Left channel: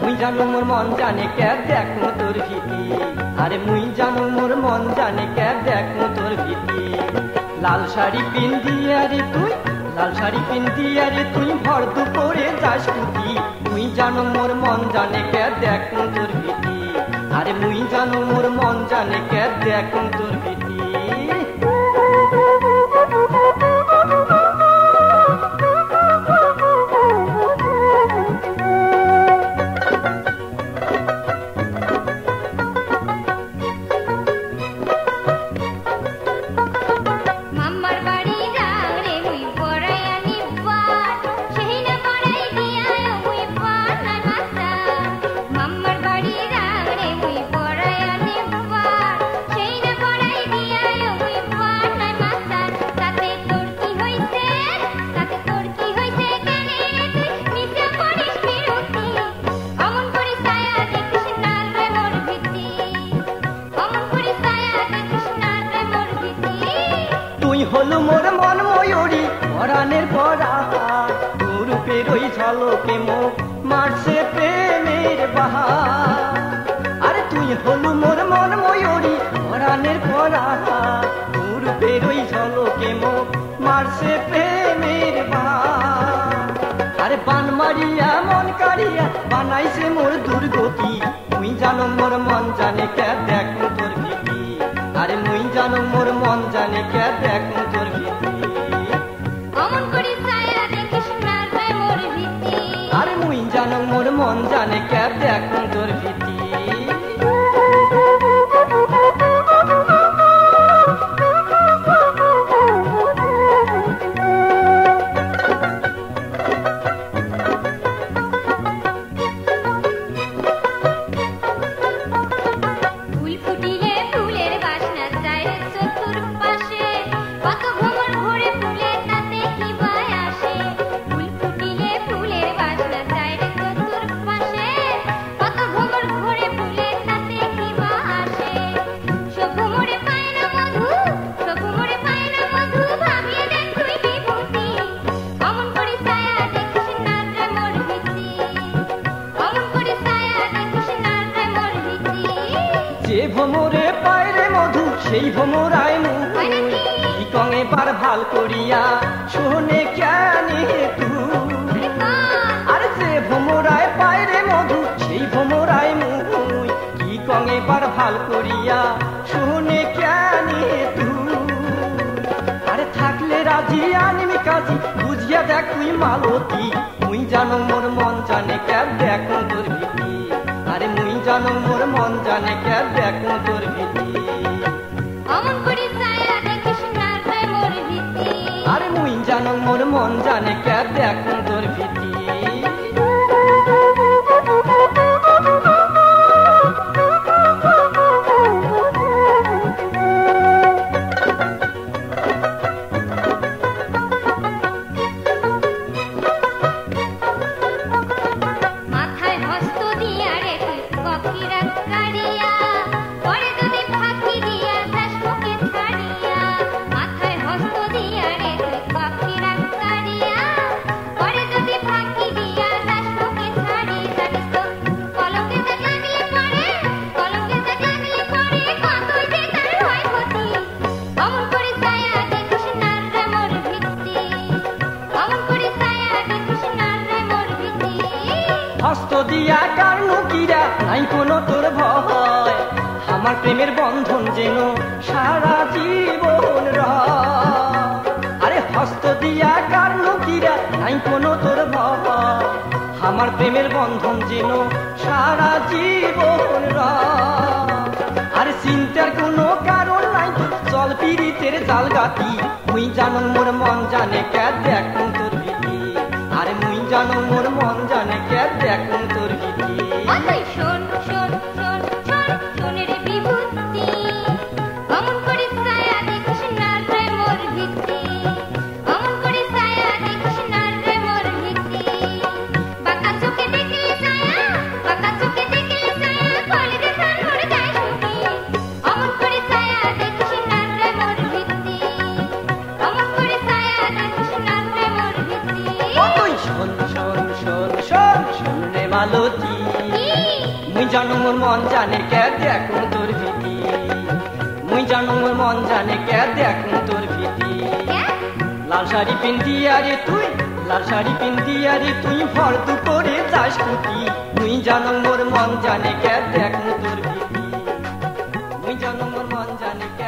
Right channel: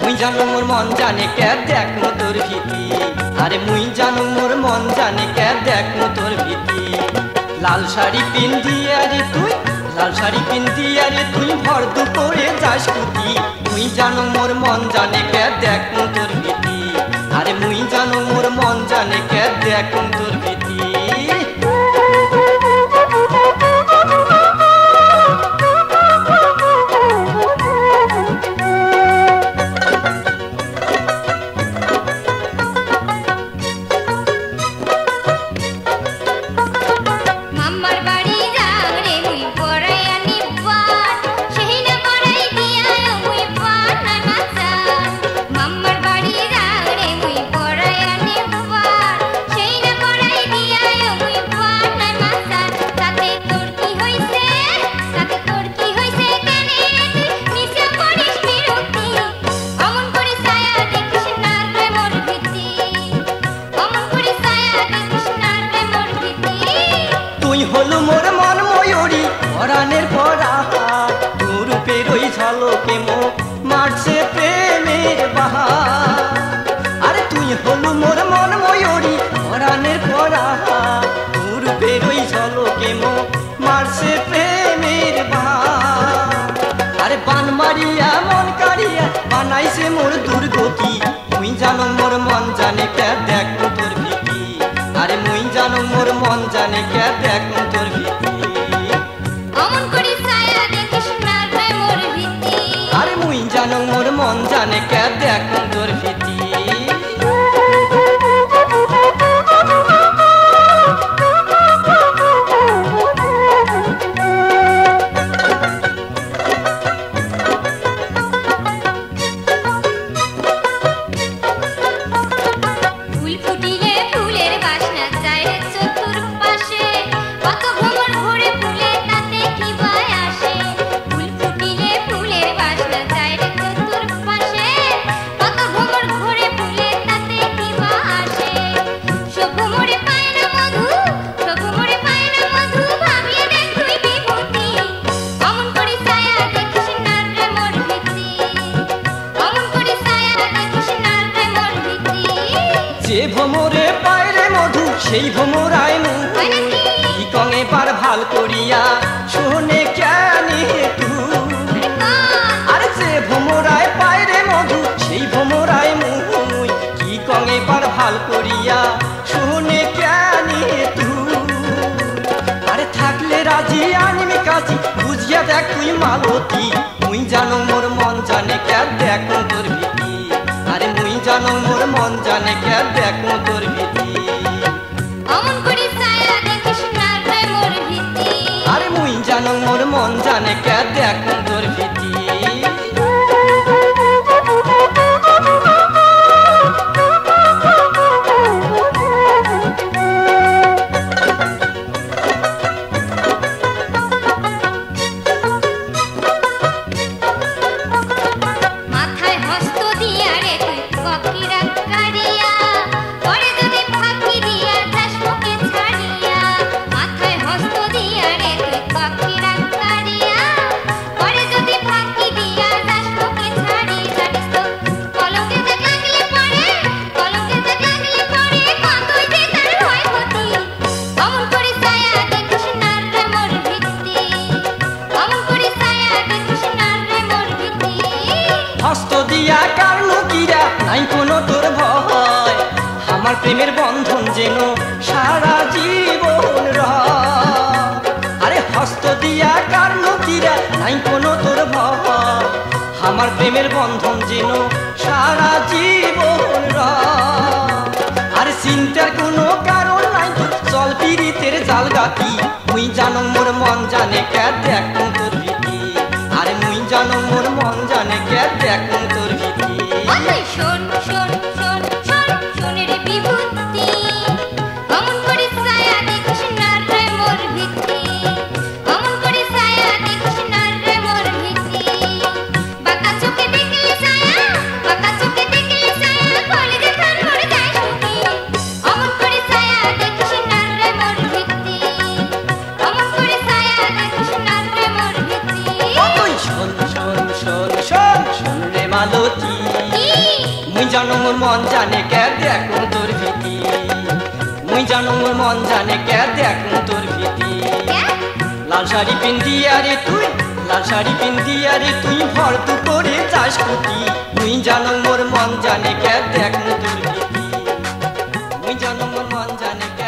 মুই জানো মোর মন জানে কে দেখো তোর ভীতি আরে মুই জানো মোর মন জানে কে দেখো তোর ভীতি লাল শাড়ি পিন্দিয়া রে তুই লাল শাড়ি পিন্দিয়া রে তুই ভর দুপুরে যাস কুতি মুই জানো মোর মন জানে কে দেখো তোর ভীতি আরে মুই জানো মোর মন জানে কে দেখো তোর ভীতি হলো মোর মন ময়ূরী পরাণের পরা তোর রূপের ওই ঝলকে মুখ মারছে প্রেমের বাহার আরে তুই হলো মোর মন ময়ূরী পরাণের পরা তোর রূপের ওই ঝলকে মুখ মারছে প্রেমের বাহার আরে বান মারিয়া মন কাড়িয়া বানাইছে মোর দুর্গতি তুই জানো মোর মন জানে কে দেখো তোর ভীতি আরে মুই জানো মোর মন জানে কে দেখো তোর ভীতি অমন করি ছায়া দেখিস না রে মোর ভীতি আরে মুই জানো মোর মন জানে কে দেখো তোর ভীতি যে ভ্রমরে পায়রে মধু সেই ভ্রমরায় মুই কঙে বার ভাল করিয়া শোনে কেনে তুই আরে যে ভ্রমরায় পায়রে মধু সেই ভ্রমরায় মুই কি কঙে বার ভাল করিয়া শোনে কেনে তুই আরে থাকলে রাজি আনমি কাজী বুঝিয়া দেখ তুই মালতী মুই জানো মোর মন জানে কে দেখো তোর ভীতি আরে মুই জানো মোর মন জানে কে দেখো তোর ভীতি অমন করি ছায়া দেখিস না রে মোর ভীতি আরে মুই জানো মোর মন জানে কে দেখো তোর ভীতি হস্ত দিয়া কারণ কিরা নাই কোনো তোর ভয় আমার প্রেমের বন্ধন যেন সারা জীবন রয় আরে হস্ত দিয়া কারণ কিরা নাই কোনো তোর ভয় আমার প্রেমের বন্ধন যেন সারা জীবন রয় আর চিন্তার কোনো কারণ নাই চল পীড়িতের জাল গাতি মুই জানো মোর মন জানে কে দেখো তোর ভীতি আরে মুই জানো মোর মন জানে কে দেখো তোর ভীতি শোন শোন শোন শোন শোনে রে বিভূতি অমন করি ছায়া দেখিস না রে মোর ভীতি অমন করি ছায়া দেখিস না রে মোর ভীতি বাঁকা চোখে দেখলে ছায়া বাঁকা চোখে দেখলে ছায়া কলে দেখার মোর যায় সুখী অমন করি ছায়া দেখিস না রে মোর ভীতি অমন করি ছায়া দেখিস না রে মোর ভীতি শোন শোন শোন শোন শোন রে মালতী মুই জানো মোর মন জানে কে দেখো তোর ভীতি মুই জানো মোর মন জানে কে দেখো তোর ভীতি লাল শাড়ি পিন্দিয়া রে তুই লাল শাড়ি পিন্দিয়া রে তুই ভর দুপুরে যাস কুটি মুই জানো মোর মন জানে কে দেখো তোর ভীতি মুই জানো মোর মন জানে কে